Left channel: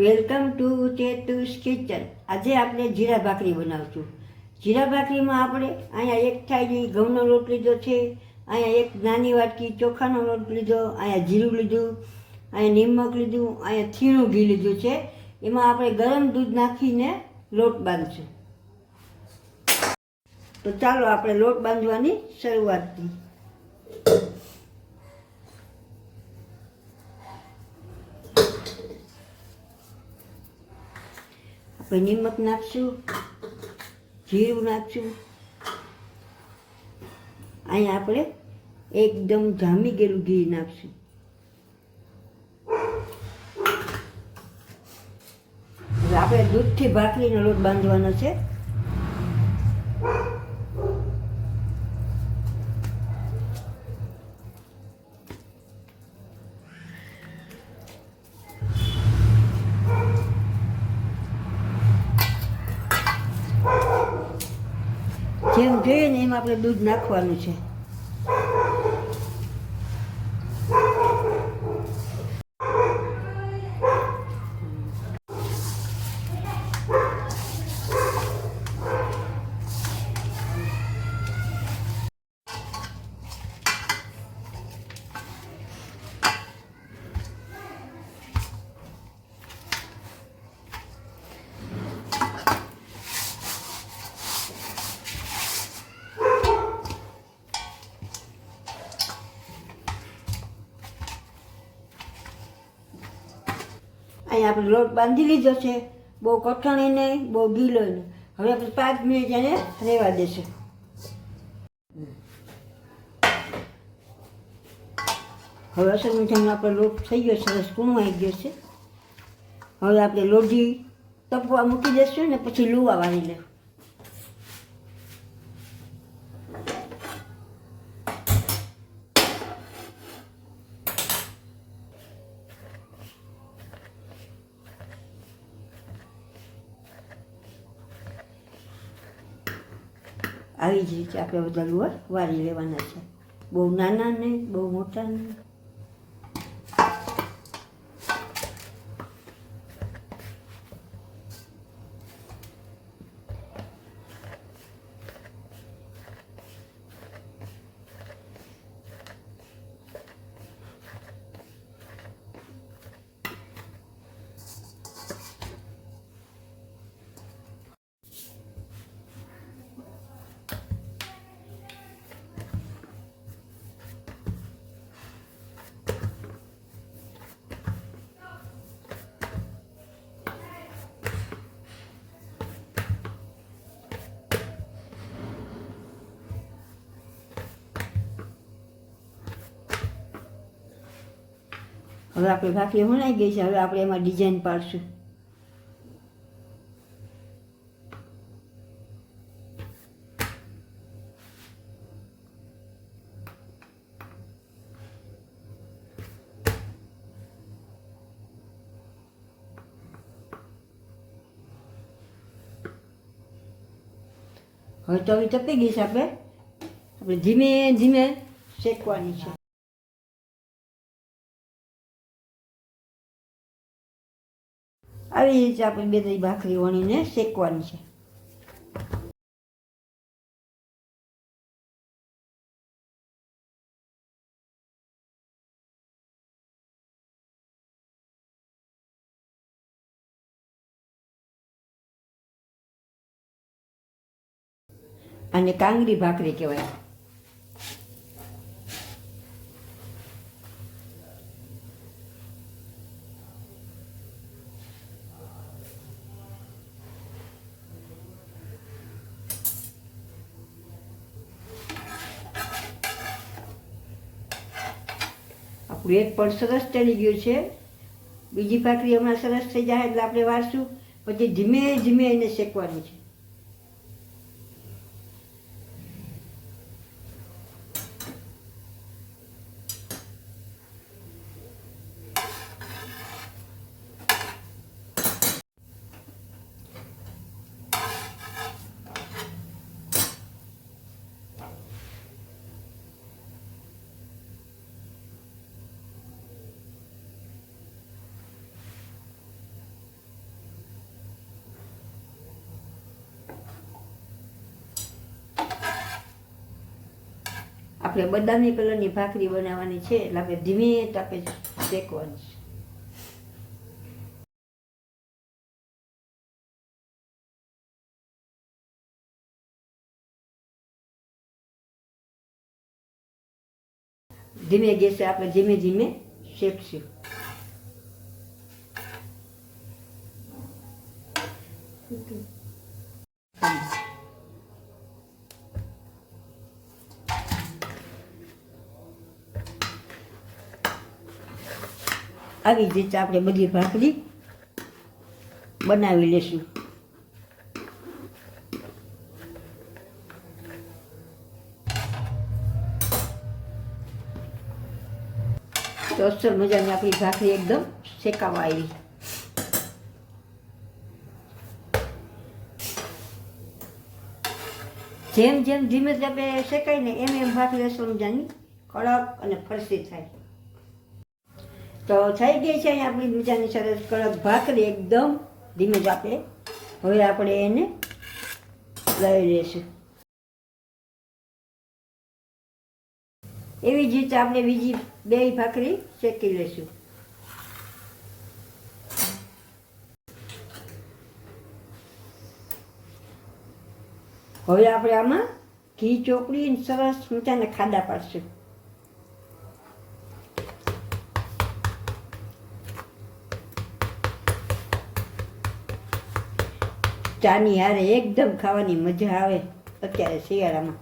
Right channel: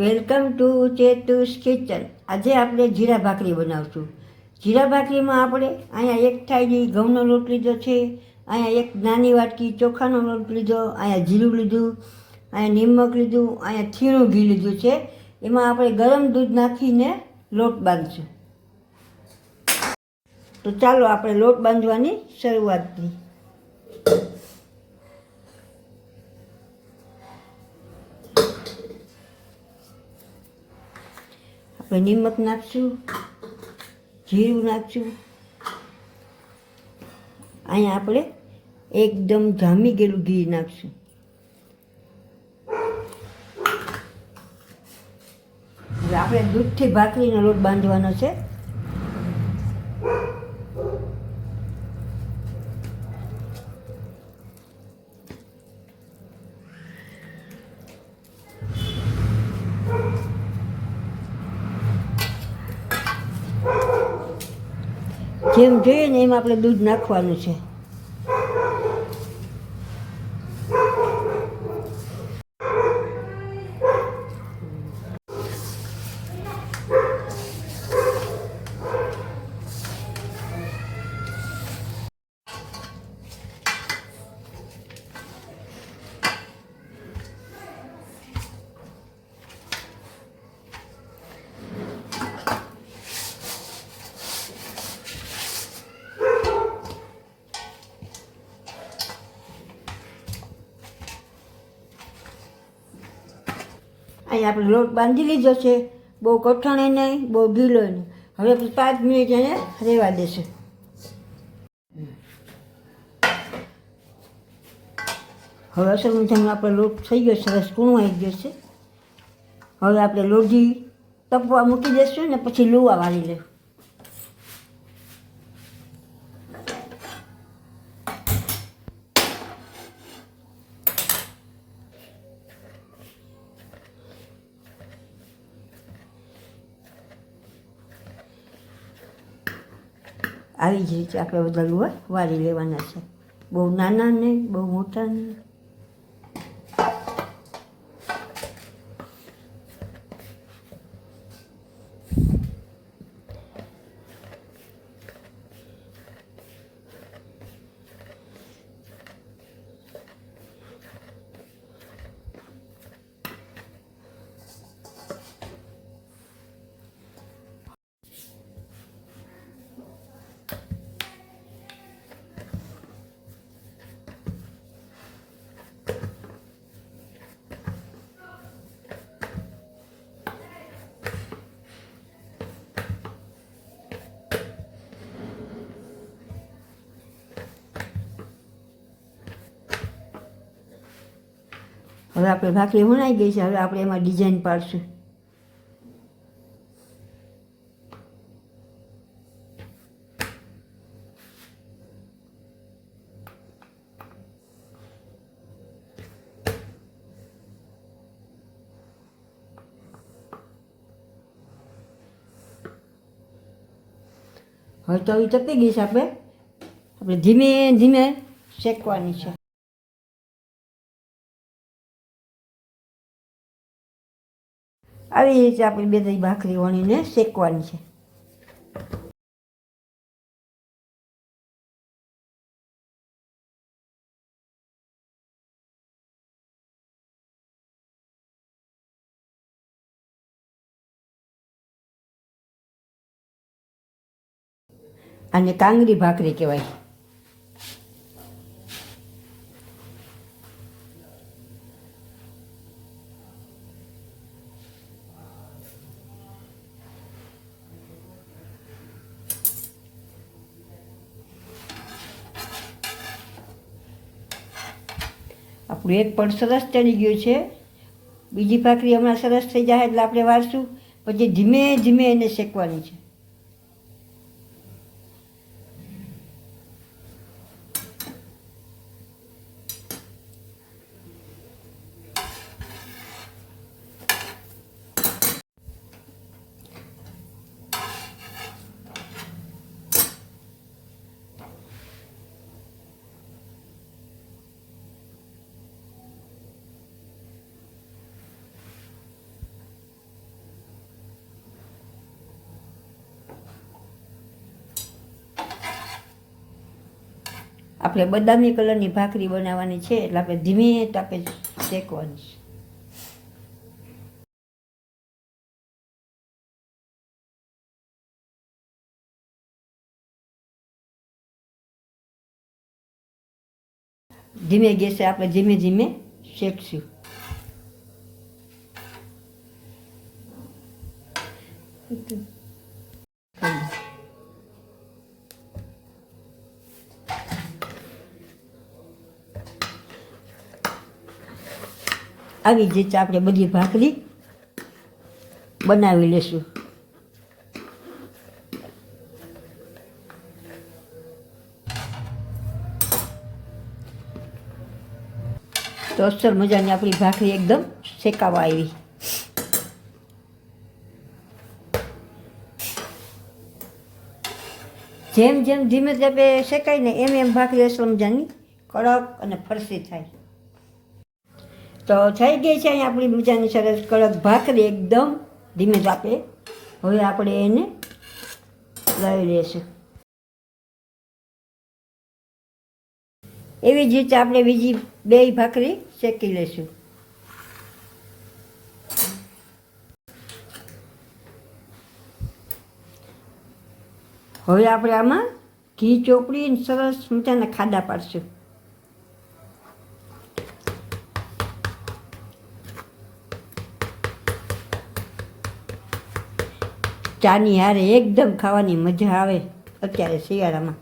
Welcome to ચેતુસ kitchen આજે આપણે જીરા ભાખરી બનાવશું. જીરા ભાખરીમાં આપણે અહીંયા એક થાળી ઘઉંનો લોટ લીધો છે, અહીંયા એક નાની વાટકી ચોખાનો લોટ લીધો, અહીંયા જીરું લીધું, અહીંયા નિમક લીધું, અહીંયા થીણું ઘી લીધું છે. એમાં આપણે ગરમ દૂધ નાખીને લોટ બાંધશું. તો ચાલો આપણે લોટ બાંધવાની શરૂઆત કરીએ. આપણે નિમક નાખશું? જીરું નાખશું? અહીંયા આપણે એકદમ જામી ગયેલું ઘી નાખશું. આપણે દૂધથી ભાખરીનો લોટ બાંધવાનો છે. જેમ જોઈએ ને એમ આપણે દૂધ નાખવાનું છે. અહીંયા આપણે લોટ બાંધી લીધો છે. બહુ કઠણ નહીં, બહુ ઢીલો નહીં. હવે પાંચ મિનિટ એને રહેવા દેશું. હવે અસર મીઠામાં આપણો લોટ થઈ ગયો, સરસ કૂણું આવી ગયો છે. હવે આપણે લોઢી તપવા મૂકી દઈશું ને પછી લોવા વાળી લેવું આવી જ રીતે આપણે બધા વાળી લેવાના છે. બહુ નાના નહીં બહુ મોટા નહીં હવે આપણે ભાખરી વણાઈ ગઈ છે, હવે આપણે એમાં ડિઝાઇન પાડશું. હવે તો હવે તપી ગઈ છે આપણે. આપણે ધીમે ધીમે શેકવાની છે. આવી રીતે આપણે બે ત્રણ ભાખરી વણીને શેકવાની છે. અને કાંગરી ભાખરી કહેવાય. આપણું એક પણ સરસ ચડી ગયું છે. બીજી ભાખરી હમણાં સરસ થઈ જાય એટલે આપણે વાળશું પછી ધીમે ધીમે એને શેકવાની છે. આપણે બદામી કલરની ભાખરી બનાવવાની છે, એટલે આપણે ધીમે તાપે શેકવાની છે. ધીમે ગેસે આપણે ધીમે ધીમે શેકશું. આવી જ રીતે આપણે બધી ભાખરી બનાવી લેશું. તો અસર મજાની આપણી ભાખરી એકદમ શેકાવા આવી. જેમ જેમ ધીમે ધીમે શેકાય ને એમ એમ ભાખરી અસર મજાની કડક અને ફરસી થાય. તો થઈ ગઈ છે અહીં આપણી બીજાની સરસ કડક ભાખરી એકદમ ધીમે તાપે હવે આપણે એને લઈ લઈશું એવી જ રીતે આપણે બીજી બે ભાખરી શેકી લઈશું. હવે આપણે આમાં ઘી ચોપડી સરસ મજાના ખાડા પાડશું. ચાની હારે એકદમ ખાવાની મજા આવે અત્યારે શિયાળામાં.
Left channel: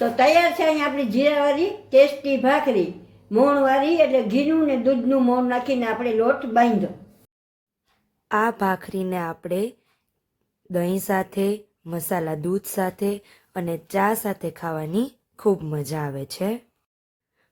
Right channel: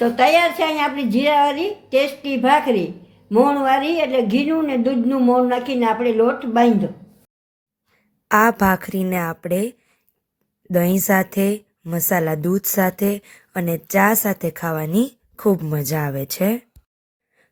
તો તૈયાર છે અહીંયા આપણી જીરાવાળી ટેસ્ટી ભાખરી. મોણવાળી એટલે ઘીનું ને દૂધનું મોણ નાખીને આપણે લોટ બાંધો આ ભાખરીને આપણે દહીં સાથે, મસાલા દૂધ સાથે અને ચા સાથે ખાવાની ખૂબ મજા આવે છે.